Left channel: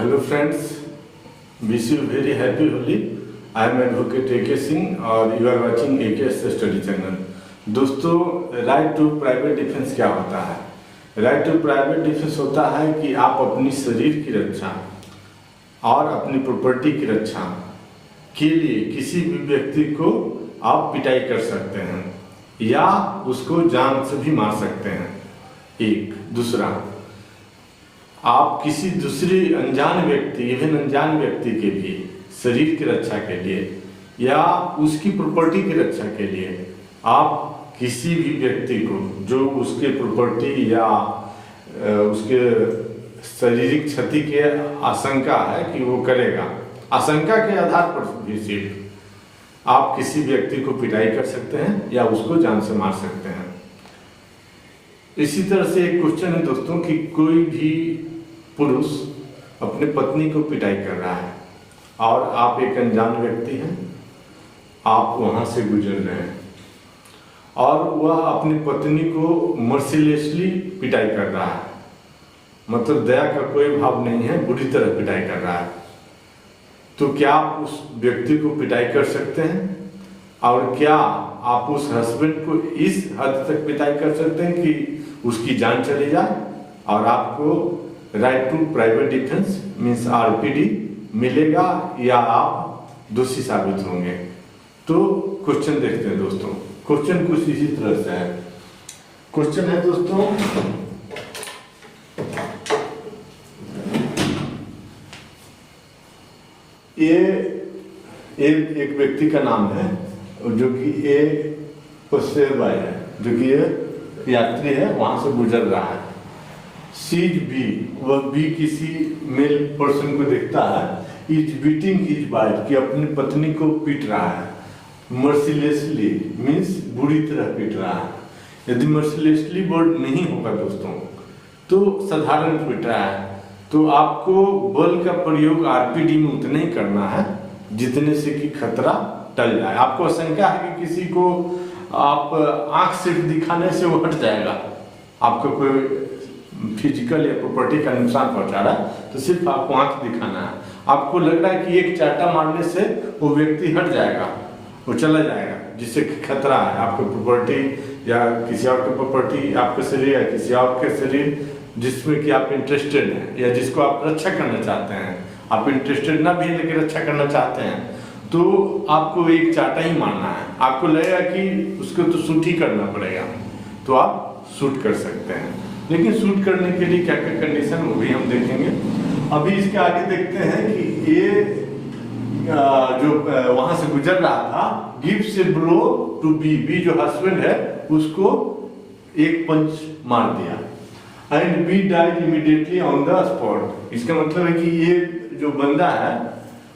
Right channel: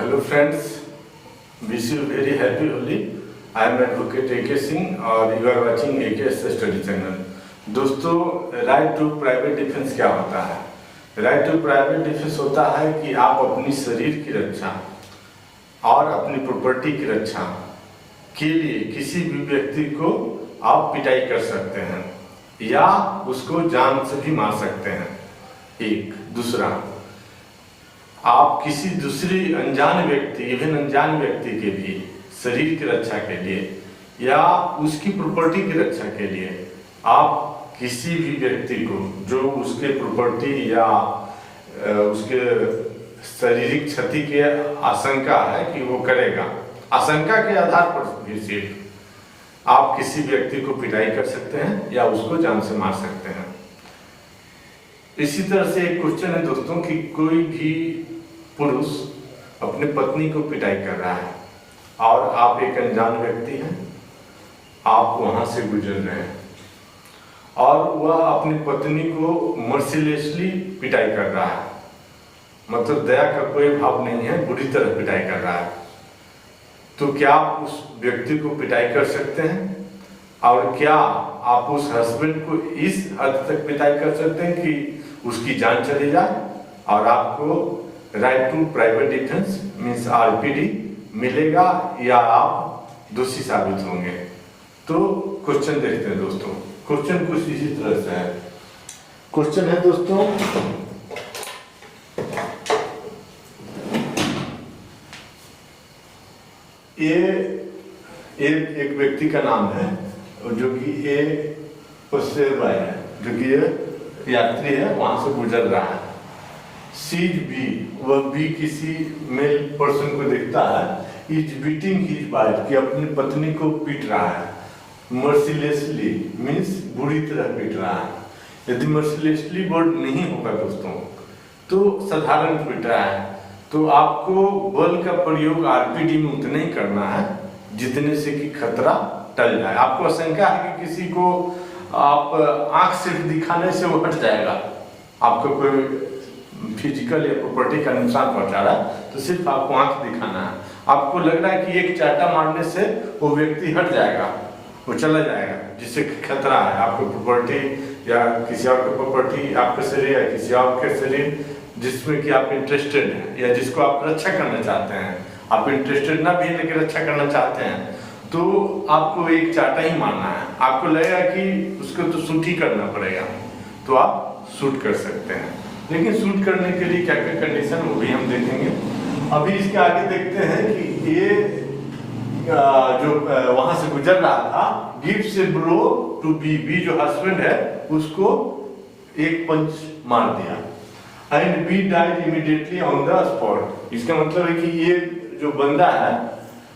Hello friends, wish you very happy Holi. I am advocate A K Singh और you are watching A K study channel. दोस्तों, right to private defence क्या होता है? Right to private defence होता है कि आप अपनी शरीर की रक्षा और अपनी प्रॉपर्टी की रक्षा के लिए किसी भी व्यक्ति को आप पिटाई कर सकते हैं या उसको जान से भी मार सकते हैं। एक दूसरा, आप किसी दूसरे अनजान व्यक्ति, इवन अनजान व्यक्ति के लिए शरीर की रक्षा के लिए या उसकी प्रॉपर्टी की रक्षा के लिए आप किसी भी व्यक्ति को जो उसके प्रॉपर्टी या उसके शारीरिक क्षति की आशंका है कि वो करेगा, आशंका के आधार पर भी सिर्फ आप किसी व्यक्ति को पिटाई कर सकते हैं या उसको जान से मार सकते हैं। इसी तरह से एक क्वेश्चन है दोस्तों कि कोई भी पुरुष अपने पत्नी को पिटाई कर रहा है और आप एक अनजान व्यक्ति हैं, आप वहां से गुजर रहे हैं और वह अपनी पत्नी को मर्सीलेसली पिटाई कर रहा है, मतलब दया का कोई भाव नहीं है, बुरी तरह पिटाई कर रहा है। तो क्या आप उस व्यक्ति को पिटाई कर सकते हैं? और क्या आप उस हस्बैंड को इस हद तक पिटाई कर सकते हैं कि उसकी जान चली जाए और आपको right to private defence means RPD मिलेगा या आप दोषी साबित होंगे? तो क्वेश्चन देखते हैं दोस्तों। क्वेश्चन कुछ इसी तरह से है। क्वेश्चन है दोस्तों, ये एक व्यक्ति का नाम है जो कि ए पसेरबाई है, जो कि ये यात्री है, वहां से गुजर रहा है। सीज बी, वह बी किसी मेल पर्सन को देखता है, इज बीटिंग हिज वाइफ, कि अपनी पत्नी को पीट रहा है। मर्सीलेसली मीन्स बुरी तरह पीट रहा है। यदि मर्सीलेसली वर्ड नहीं होगा दोस्तों तो साधारण पीट रहा है, तो आपको बल का प्रयोग आरपीडी में उतना ही करना है जितने से कि खतरा टल जाए। आपको आशंका है कि किसी को आप आंख सिर्फ दिखाने से वो हट जाएगा, आपको कोई फिजिकल या प्रॉपर्टी का नुकसान पहुंचा रहा है, तो सिर्फ आपको आंख दिखाना है। आपको लग रहा है कि एक चाटा मारने से वो व्यक्ति हट जाएगा, वो चला जाएगा, जिससे खतरा है आपको प्रॉपर्टी या किसी और की प्रॉपर्टी, आपके शरीर या किसी और के शरीर जिसमें कि आप इंटरेस्टेड हैं या जिसको आप रक्षा करना चाहते हैं। आप इंटरेस्टेड ना भी है लेकिन रक्षा करना चाहते हैं, तो आपको एक चाटा ही मारना है। आपको लगेगा कि उसको तो शूट ही करना पड़ेगा, तो आप शूट कर सकते हैं। लेकिन शूट करने के लिए क्या क्या कंडीशन, वो भी हम देखेंगे। अभी इसके आगे देखते हैं कि ये जो वहां से गुजर रहा था, gives a blow to B, B जो हस्बैंड है उसको एक पंच मार दिया। And B died immediately on the spot. इसका मतलब है कि ये जो बंदा है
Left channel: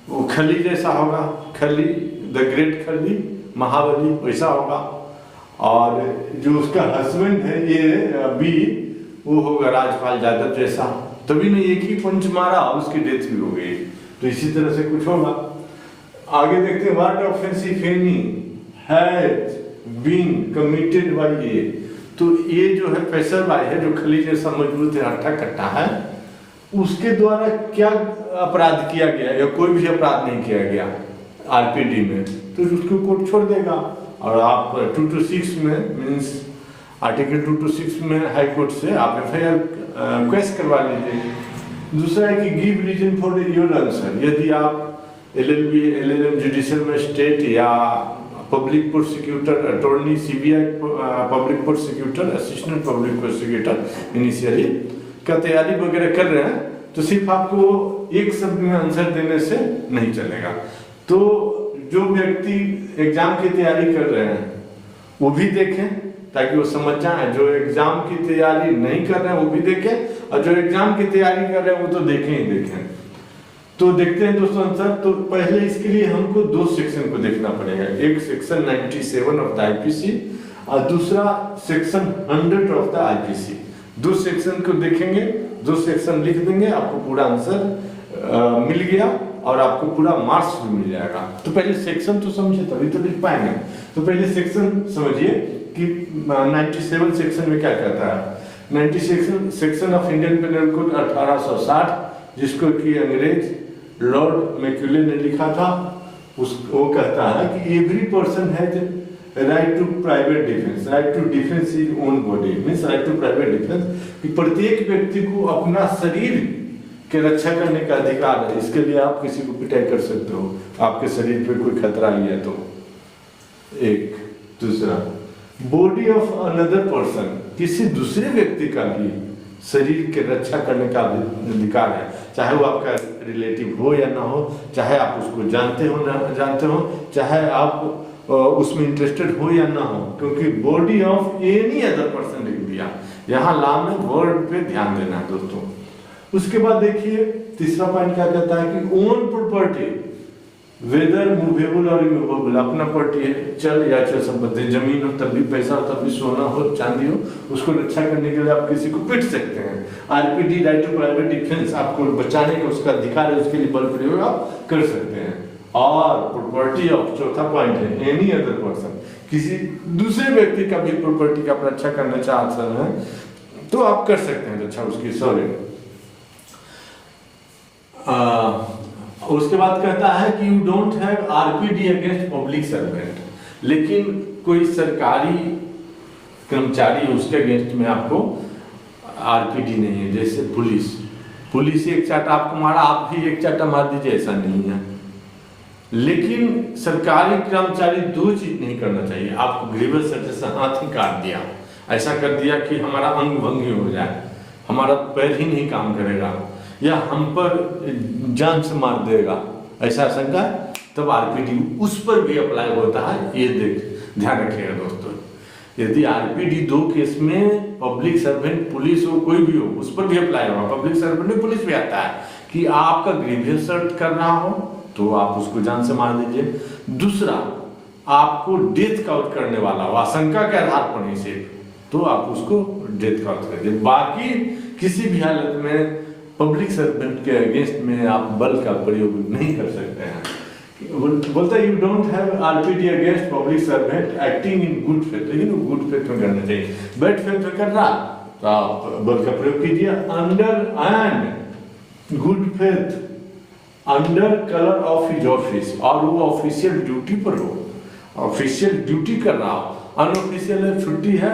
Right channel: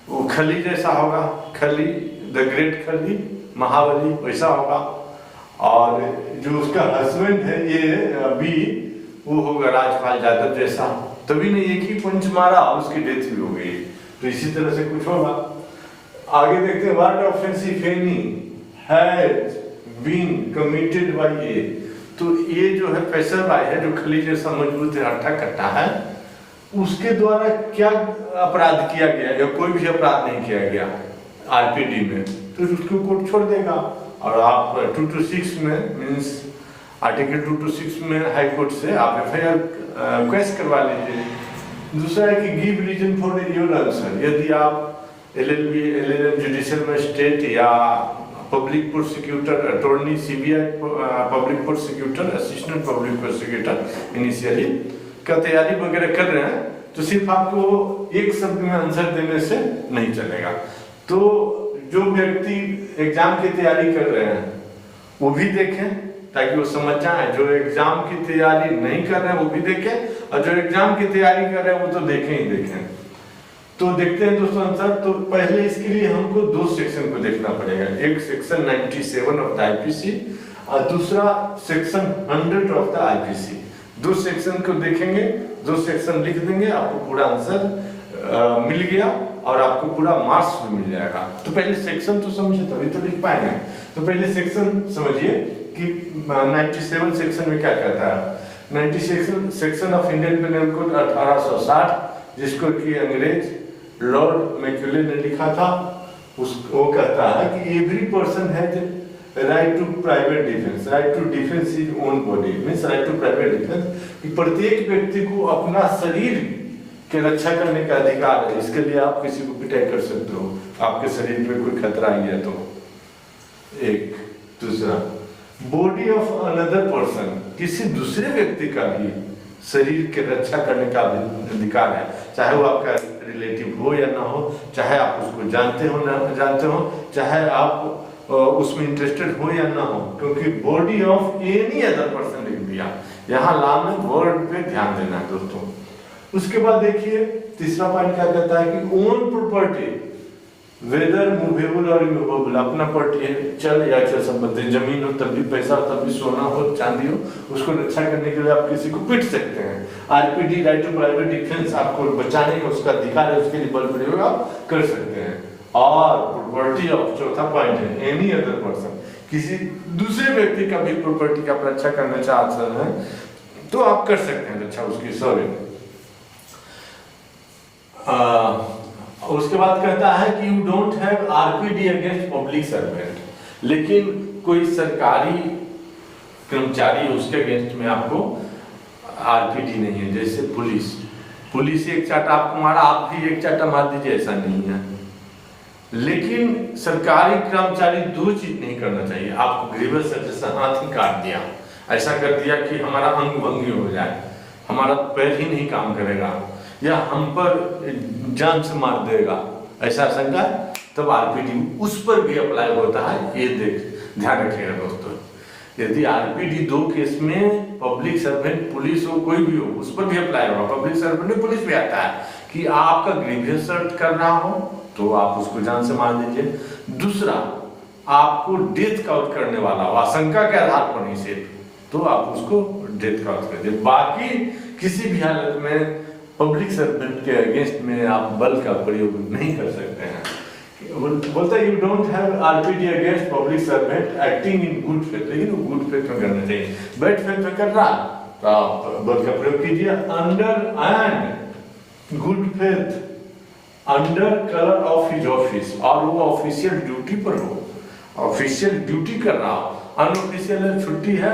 वो खली जैसा होगा, खली द ग्रेट खली महाबली वैसा होगा, और जो उसका हस्बैंड है ये बी, वो होगा राजपाल यादव जैसा। तभी ने एक ही पंच मारा और उसकी डेथ भी हो गई। तो इसी तरह से कुछ होगा। आगे देखते हैं, what offence if any has been committed by A. तो ये जो है पेशर बाई है, जो खली जैसा मजबूत है, हट्टा कट्टा है, उसके द्वारा क्या अपराध किया गया या कोई भी अपराध नहीं किया गया आरपीडी में, तो उसको कोर्ट छोड़ देगा। और आप 226 में मीन्स आर्टिकल 226 में हाई कोर्ट से आप एफआईआर क्वेश्चन करवा लीजिए। दूसरा है कि give reason for your answer. यदि आप एलएलबी, एलएलएम, जुडिशियल मजिस्ट्रेट या public prosecutor, attorney, CBI, public prosecutor, assistant public prosecutor initially का तैयारी वगैरह कर रहे हैं, तो सिर्फ आपको एक शब्द में आंसर देने से नहीं चलेगा। तो जो व्यक्ति एग्जाम की तैयारी कर रहे हैं वो भी देखें ताकि वो समझ जाए, जो एग्जाम की तैयारी नहीं कर रहे हैं वो भी देखें, और जो एग्जाम की तैयारी कर रहे हैं वो तो देखें ही देखें। तो देखते हैं दोस्तों आंसर। तो पहले इसके लिए हमको दो सेक्शन को देखना पड़ेगा, एक सेक्शन 97 ऑफ द आईपीसी और दूसरा सेक्शन 100 ऑफ द आईपीसी। दो सेक्शन को देखेंगे, दो सेक्शन लिख देंगे, आपको पूरा आंसर मिल गया और आपको पूरा मार्क्स भी मिल जाएगा। तो पहले सेक्शन तो समझे तभी तो लिख पाएंगे। तो पहले सेक्शन समझिए कि 97 सेक्शन में क्या कहता है। 96 section of Indian Penal Code 1860 जिसको कि अंग्रेज लॉर्ड मैक्यूले ने लिखा था। वो कहता है कि every person has right to private defence, right to defence is own body, means right to private defence, कि प्रत्येक व्यक्ति को अपना शरीर की रक्षा करने का अधिकार है। इसके लिए आप किसी को पिटाई कर सकते हो, आपके शरीर पे कोई खतरा ही है तो। एक दूसरा, बॉडी ऑफ अनदर पर्सन, किसी दूसरे व्यक्ति का भी शरीर की रक्षा करने का अधिकार है, चाहे वो आपका रिलेटिव हो या ना हो, चाहे आप उसको जानते हो ना जानते हो, चाहे आप उसमें इंटरेस्टेड हो या ना हो, क्योंकि body of any other person लिख दिया। यहाँ ला में वर्ड पे ध्यान देना है दोस्तों। उसके बाद देखिए तीसरा पॉइंट क्या कहता है कि ओन प्रॉपर्टी वेदर मूवेबल और इमूवेबल, अपना प्रॉपर्टी है, चल या अचल संपत्ति, जमीन हो तब भी, पैसा हो तब भी, सोना हो चांदी हो, उसको रक्षा करने के लिए आप किसी को पीट सकते हैं। RPD right to private defence, आपको बचाने का उसका अधिकार है, उसके लिए बल प्रयोग आप कर सकते हैं। और प्रॉपर्टी ऑफ, चौथा पॉइंट है, एनी अदर पर्सन, किसी दूसरे व्यक्ति का भी प्रॉपर्टी का आप रक्षा करना चाहते हैं तो आप कर सकते हैं रक्षा उसकी। सॉरी, उसके बाद कहता है कि you don't have RPD against public servant, लेकिन कोई सरकारी कर्मचारी उसके अगेंस्ट में आपको आरपीडी नहीं है। जैसे पुलिस एक चाटा आपको मारा, आप भी एक चाटा मार दीजिए, ऐसा नहीं है। लेकिन सरकारी कर्मचारी दो चीज नहीं करना चाहिए, आपको ग्रीवस सजेशन हाथ ही काट दिया, ऐसा कर दिया कि हमारा अंग भंगी हो जाए, हमारा पैर ही नहीं काम करेगा, या हम पर जान से मार देगा, ऐसा आशंका, तब आरपीडी उस पर भी अप्लाई होता है। ये ध्यान रखिएगा दोस्तों। यदि आरपीडी दो केस में पब्लिक सर्वेंट, पुलिस हो कोई भी हो, उस पर भी अप्लाई होगा। पब्लिक सर्वेंट में पुलिस भी आता है कि आपका ग्रीवियस सर्ट कर रहा हो तो आप उसको जान से मार दीजिए। दूसरा, आपको डेथ काउंट करने वाला हो आशंका के आधार पर नहीं सिर्फ, तो आप उसको डेथ काउंट कर दीजिए। बाकी किसी भी हालत में पब्लिक सर्वेंट के अगेंस्ट में आप बल का प्रयोग नहीं कर सकते हैं। बोलता है you don't have RPD against public servant acting in good faith, लेकिन वो गुड फेथ में करना चाहिए। बैड फेथ में कर रहा तो आप बल का प्रयोग कीजिए। Under and good faith under colour of his office, और वो ऑफिशियल ड्यूटी पर हो, ऑफिशियल ड्यूटी कर रहा हो, अनऑफिशियल छुट्टी है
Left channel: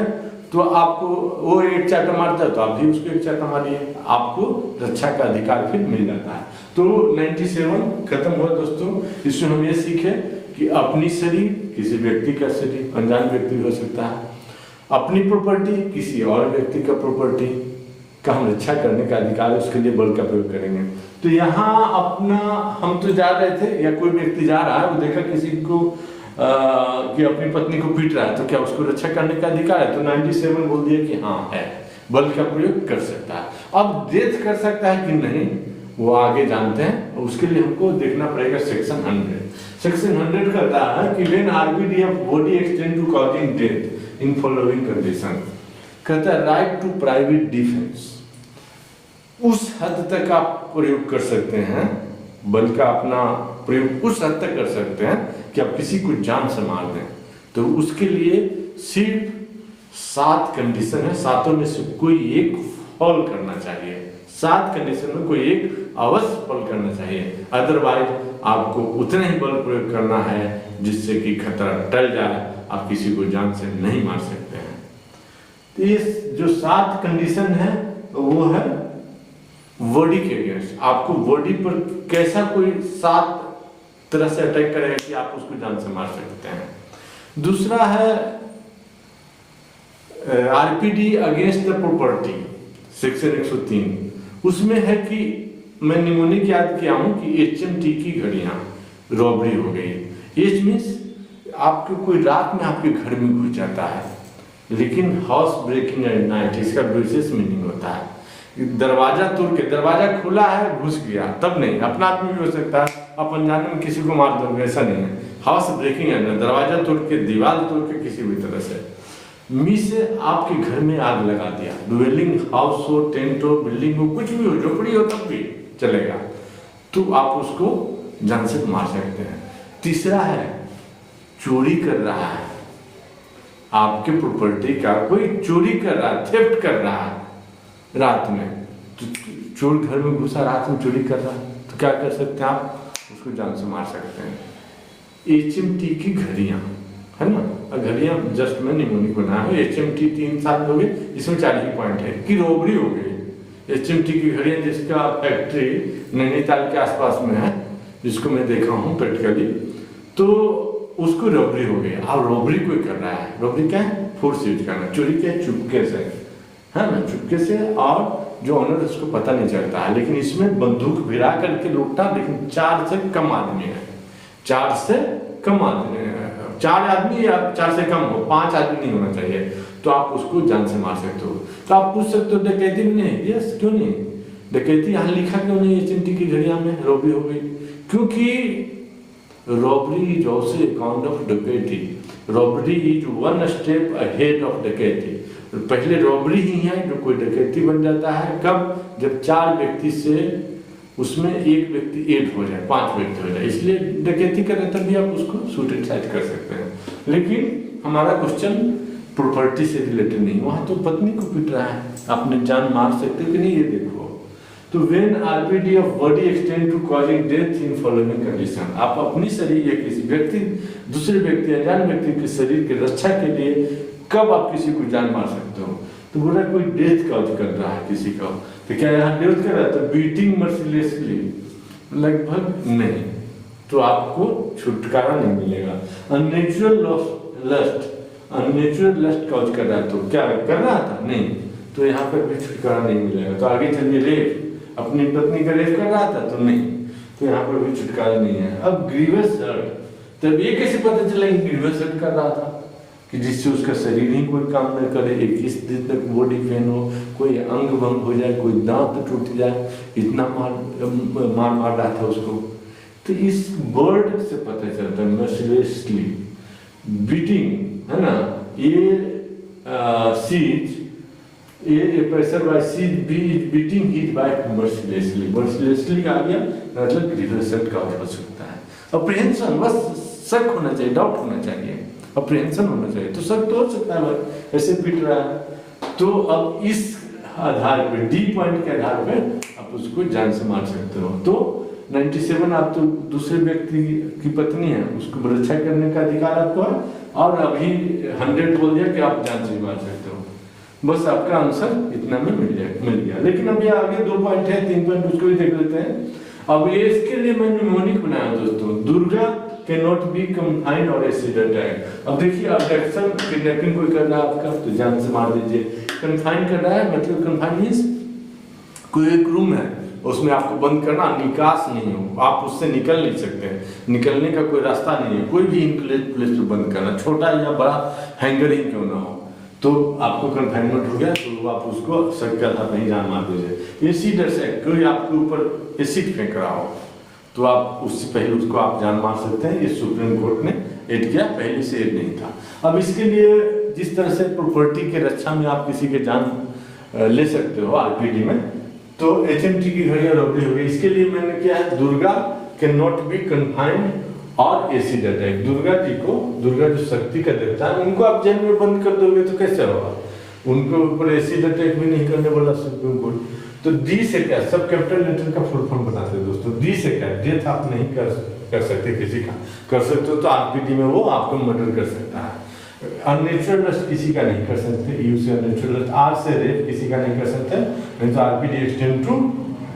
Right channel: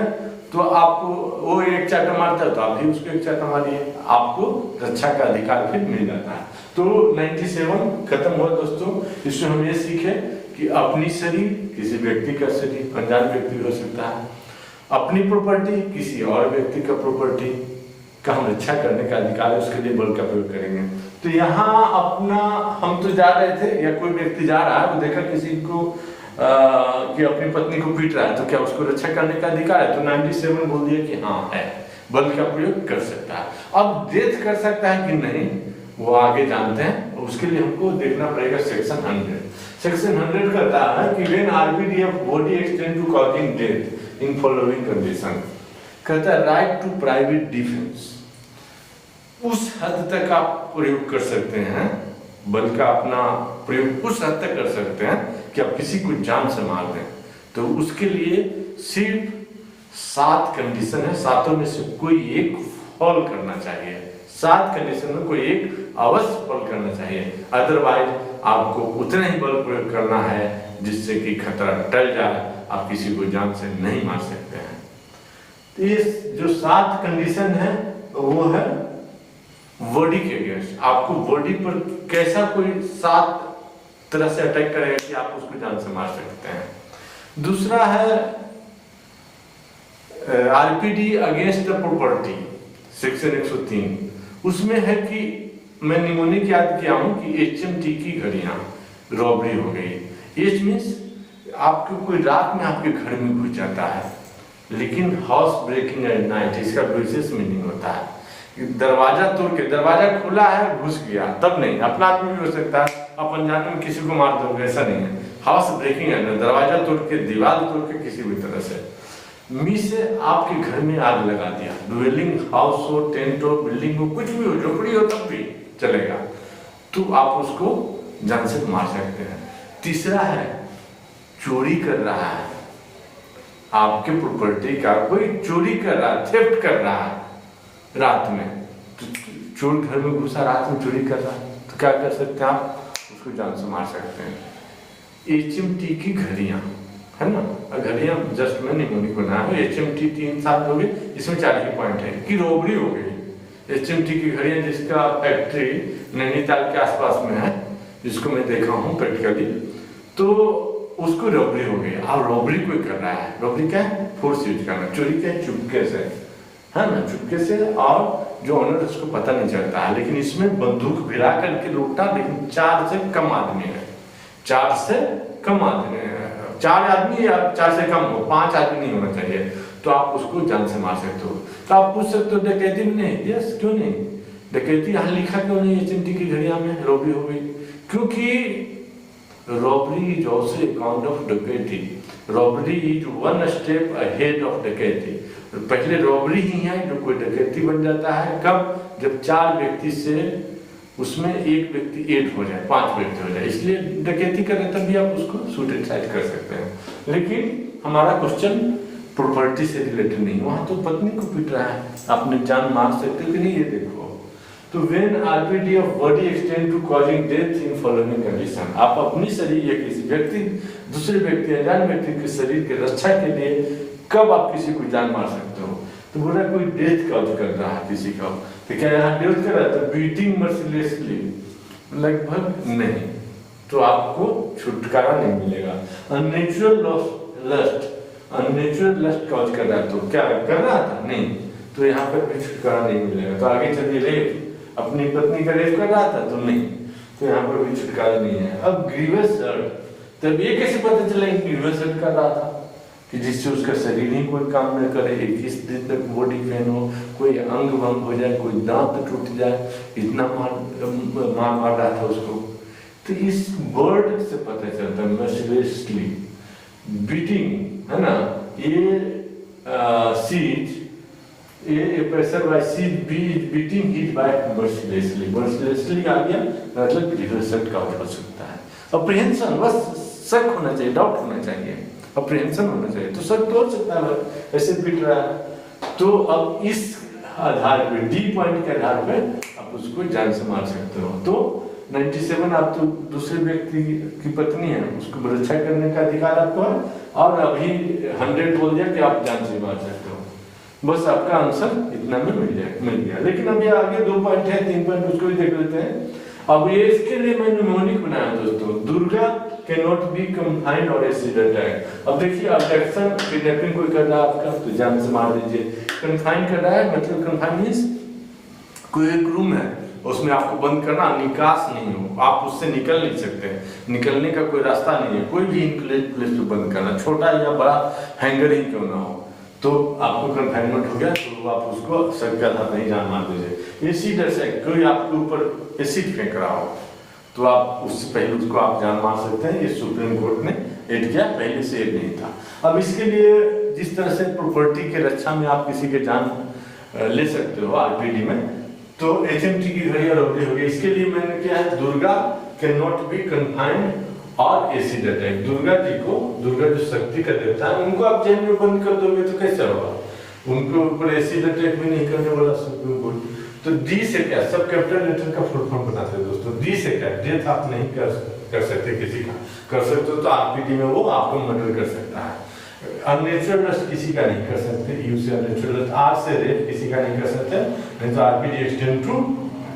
तो आपको वो एक चाटा मारता है तो आप भी उसको एक चाटा मारिए, आपको रक्षा का अधिकार फिर मिल जाता है। तो 97 खत्म हुआ दोस्तों। इसमें हम ये सीखे कि अपनी शरीर, किसी व्यक्ति का शरीर, अनजान व्यक्ति हो सकता है, अपनी प्रॉपर्टी, किसी और व्यक्ति का प्रॉपर्टी का हम रक्षा करने का अधिकार है, उसके लिए बल का प्रयोग करेंगे। तो यहाँ अपना, हम तो जा रहे थे या कोई व्यक्ति जा रहा है, वो देखा किसी को कि अपनी पत्नी को पीट रहा है, तो क्या उसको रक्षा करने का अधिकार है? तो 97 बोल दिया कि हाँ है, बल का प्रयोग कर सकता है। अब डेथ कर सकता है कि नहीं वो आगे जानते हैं, उसके लिए हमको देखना पड़ेगा सेक्शन 100। सेक्शन 100 कहता है कि when RPD of body extend to causing death in following condition, कहता है राइट टू प्राइवेट डिफेंस, उस हद तक आप प्रयोग कर सकते हैं, बल का अपना प्रयोग उस हद तक कर सकते हैं कि आप किसी को जान से मार दें। तो उसके लिए सिर्फ 7 कंडीशन है, 7 में से कोई एक फॉल करना चाहिए। 7 कंडीशन में कोई एक अवश्य फॉल करना चाहिए, अदरवाइज आपको उतना ही बल प्रयोग करना है जिससे कि खतरा टल जाए, आप किसी को जान से नहीं मार सकते हैं। तो ये जो 7 कंडीशन है वो है बॉडी के अगेंस्ट, आपको बॉडी पर कैसा कोई 7 तरह से अटैक करेगा कि आप उसको जान से मार सकते हैं। दूसरा है RPD against the property, section 103, उसमें है कि मैं निमोनिक याद किया हूं कि HMT की घड़ियां रॉबरी हो गई। एच मीन्स आपको कोई रात में आपके घर में घुस जाता है, लेकिन हाउस ब्रेकिंग एट नाइट, इसका विशेष मीनिंग होता है दरवाजा तोड़ के, दरवाजा खुला है घुस गया, तब नहीं, अपना आदमी भी हो सकता है, आप अनजाने में किसी को मार दोगे, ऐसा नहीं है। हाउस ब्रेकिंग है, दरवाजा तोड़ के, दीवार तोड़ के, किसी भी तरह से मी से आपके घर में आग लगा दिया, ड्वेलिंग हाउस हो, टेंट हो, बिल्डिंग हो, कुछ भी हो, झोपड़ी हो, तब भी चलेगा, तो आप उसको जान से मार सकते हैं। तीसरा है चोरी कर रहा है, आपके प्रॉपर्टी का कोई चोरी कर रहा है, थेफ्ट कर रहा है रात में, तो चोर घर में घुसा, रात में चोरी कर रहा है, तो क्या कर सकते हैं आप? उसको जान से मार सकते हैं। HMT की घड़ियां है ना, घड़ियां जस्ट मैं निमोनिक बनाया हूँ। HMT 3 साल हो गए, इसमें 40 पॉइंट है कि रॉबरी हो गई। HMT की घड़ियां जिसका फैक्ट्री नैनीताल के आसपास में है, जिसको मैं देखा हूँ प्रैक्टिकली, तो उसको रॉबरी हो गई। अब रॉबरी कोई कर रहा है, रॉबरी क्या है? फोर्स यूज करना। चोरी क्या है? चुपके से, है ना, चुपके से, और जो ऑनर उसको पता नहीं चलता है। लेकिन इसमें बंदूक भिड़ा करके लूटा, लेकिन 4 से कम आदमी है, 4 से कम आदमी है, 4 आदमी या 4 से कम हो, 5 आदमी नहीं होना चाहिए, तो आप उसको जान से मार सकते हो। तो आप पूछ सकते हो डकैती में नहीं? यस, क्यों नहीं? डकैती यहाँ लिखा क्यों नहीं HMT की घड़िया में रॉबरी हो गई? क्योंकि robbery is also a count of डकैती। Robbery is 1 step ahead of डकैती। पहले रॉबरी ही है जो कोई डकैती बन जाता है। कब? जब 4 व्यक्ति से उसमें एक व्यक्ति 8 हो जाए, 5 व्यक्ति हो जाए, इसलिए डकैती कर रहे तब भी आप उसको शूट एंड साइट कर सकते हैं। लेकिन हमारा क्वेश्चन प्रॉपर्टी से रिलेटेड नहीं, वहां तो पत्नी को पीट रहा है, आपने जान मार सकते हो कि नहीं, ये देखो। तो when RPD of body extend to causing death in following condition, आप अपनी शरीर या किसी व्यक्ति, दूसरे व्यक्ति, अनजान व्यक्ति के शरीर की रक्षा के लिए कब आप किसी को जान मार सकते हो? तो बोला कोई डेथ कॉज कर रहा है किसी का, तो क्या यहाँ डेथ कर रहा है? तो बीटिंग मर्सिलेसली, लगभग नहीं, तो आपको छुटकारा नहीं मिलेगा। Unnatural lust, unnatural lust cause कर रहा है, तो क्या कर रहा था? नहीं, तो यहाँ पर भी छुटकारा नहीं मिलेगा। तो आगे चलिए, रेप, अपनी पत्नी का रेप कर रहा था, तो नहीं, तो यहाँ पर भी छुटकारा नहीं है। अब ग्रीवस हर्ट, तब ये कैसे पता चला ग्रीवस हर्ट कर रहा था? कि जिससे उसका शरीर ही कोई काम न करे, 21 दिन तक बॉडी पेन हो, कोई अंग भंग हो जाए, कोई दांत टूट जाए, इतना मार रहा था उसको। तो इस वर्ड से पता चलता है मर्सिलेसली बीटिंग, है ना, ये Z, a person by siege beating his wife mercilessly, mercilessly आ गया मतलब grievous hurt का हो सकता है। अप्रीहेंशन, बस शक होना चाहिए, डाउट होना चाहिए, अप्रीहेंशन होना चाहिए, तो शक तो हो सकता है ऐसे पीट रहा है। तो अब इस आधार पे, D पॉइंट के आधार पे आप उसको जान से मार सकते हो। तो 97 आप तो दूसरे व्यक्ति की पत्नी है, उसको रक्षा करने का अधिकार आपको है, और अभी 100 बोल दिया कि आप जान से मार सकते हो। बस आपका आंसर इतना में मिल गया। लेकिन अभी आगे 2 पॉइंट है, 3 पॉइंट उसको भी देख लेते हैं। अब ये इसके लिए मैंने निमोनिक बनाया दोस्तों, Durga can not be confined और एसिड अटैक। अब देखिए, अब्डक्शन, किडनैपिंग कोई कर रहा है आपका, तो जान से मार दीजिए। कंफाइन कर रहा है मतलब कंफाइन मींस कोई एक रूम है, उसमें आपको बंद करना, निकास नहीं हो, आप उससे निकल नहीं सकते, निकलने का कोई रास्ता नहीं है, कोई भी इनक्लेट प्लेस पे बंद करना, छोटा या बड़ा हैंगर ही क्यों ना हो, तो आपको कन्फाइनमेंट हो गया, तो आप उसको शक के आधार पर ही जान मार दीजिए। एसिड अटैक, कोई आपके ऊपर एसिड फेंक रहा हो, तो आप उससे पहले उसको आप जान मार सकते हैं। ये सुप्रीम कोर्ट ने ऐड किया, पहले से ऐड नहीं था। अब इसके लिए जिस तरह से प्रॉपर्टी के रक्षा में आप किसी के जान ले सकते हो RPD में, तो HMT की घड़ियां रॉबरी होगी। इसके लिए मैंने क्या है, Durga can not be confined और एसिड अटैक। दुर्गा जी को, दुर्गा जो शक्ति का देवता है, उनको आप जेल में बंद कर दोगे तो कैसे होगा? उनके ऊपर एसिड अटैक भी नहीं करने वाला सुप्रीम कोर्ट। तो डी से क्या, सब कैपिटल लेटर का फुल फॉर्म बताते हैं दोस्तों। डी से क्या, डेथ आप नहीं कर सकते किसी का, कर सकते हो तो RPD में वो आपको मर्डर कर सकता है। अननेचुरल डेथ किसी का नहीं कर सकते, यू से अननेचुरल डेथ, आर से रेप किसी का नहीं कर सकते, नहीं तो RPD extend to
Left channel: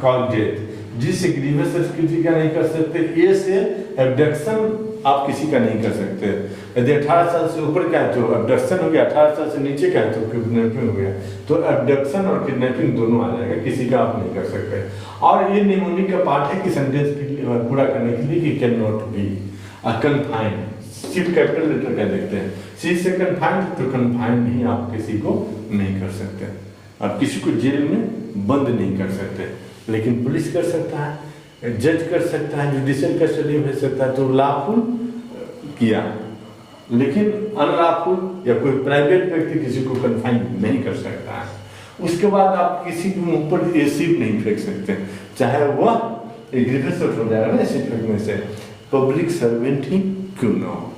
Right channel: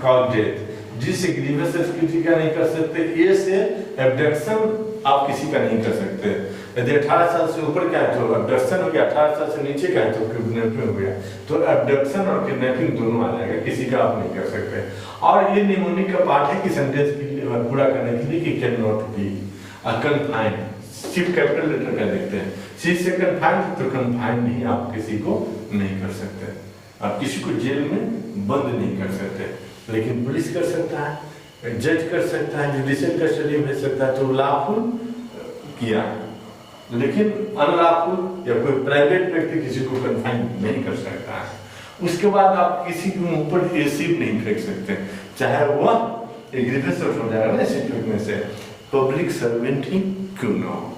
cause death. G से ग्रीवियस किसी का नहीं कर सकते, ए से एब्डक्शन आप किसी का नहीं कर सकते। यदि 18 साल से ऊपर क्या है तो एब्डक्शन हो गया, 18 साल से नीचे क्या है तो किडनैपिंग हो गया। तो एब्डक्शन और किडनैपिंग दोनों आ जाएगा, किसी का आप नहीं कर सकते। और ये निमोनिक का पार्ट है कि सेंटेंस पूरा करने के लिए कि कैन नॉट बी कन्फाइंड, सिर्फ कैपिटल लेटर का देखते हैं। सी से कन्फाइंड, तो कन्फाइंड ही आप किसी को नहीं कर सकते, आप किसी को जेल में बंद नहीं कर सकते। लेकिन पुलिस कर सकता है, जज कर सकता है, जुडिशियल कस्टडी भेज सकता है, तो लॉफुल किया। लेकिन अनलॉफुल या कोई प्राइवेट व्यक्ति किसी को कन्फाइन नहीं कर सकता है। उसके बाद आप किसी के ऊपर एसिड नहीं फेंक सकते, चाहे वह ग्रीवियस हो जाएगा एसिड फेंकने से, पब्लिक सर्वेंट ही क्यों ना हो।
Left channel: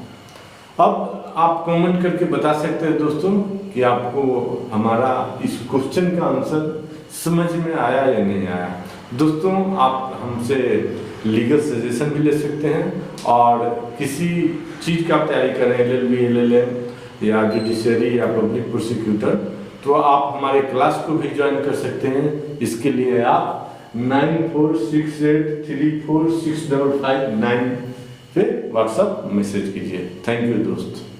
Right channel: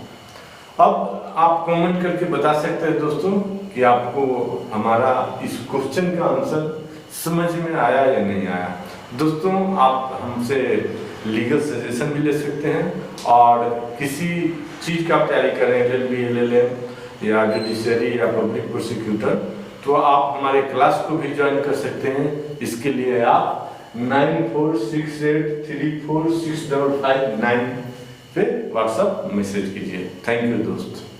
अब आप कमेंट करके बता सकते हैं दोस्तों कि आपको हमारा इस क्वेश्चन का आंसर समझ में आया या नहीं आया। दोस्तों, आप हमसे लीगल सजेशन भी ले सकते हैं और किसी चीज का आप तैयारी करें, LLB, LLM या जुडिशरी या पब्लिक प्रोसिक्यूटर, तो आप हमारे क्लास को भी ज्वाइन कर सकते हैं। इसके लिए आप 9468346559 पे व्हाट्सएप मैसेज कीजिए। थैंक यू दोस्त।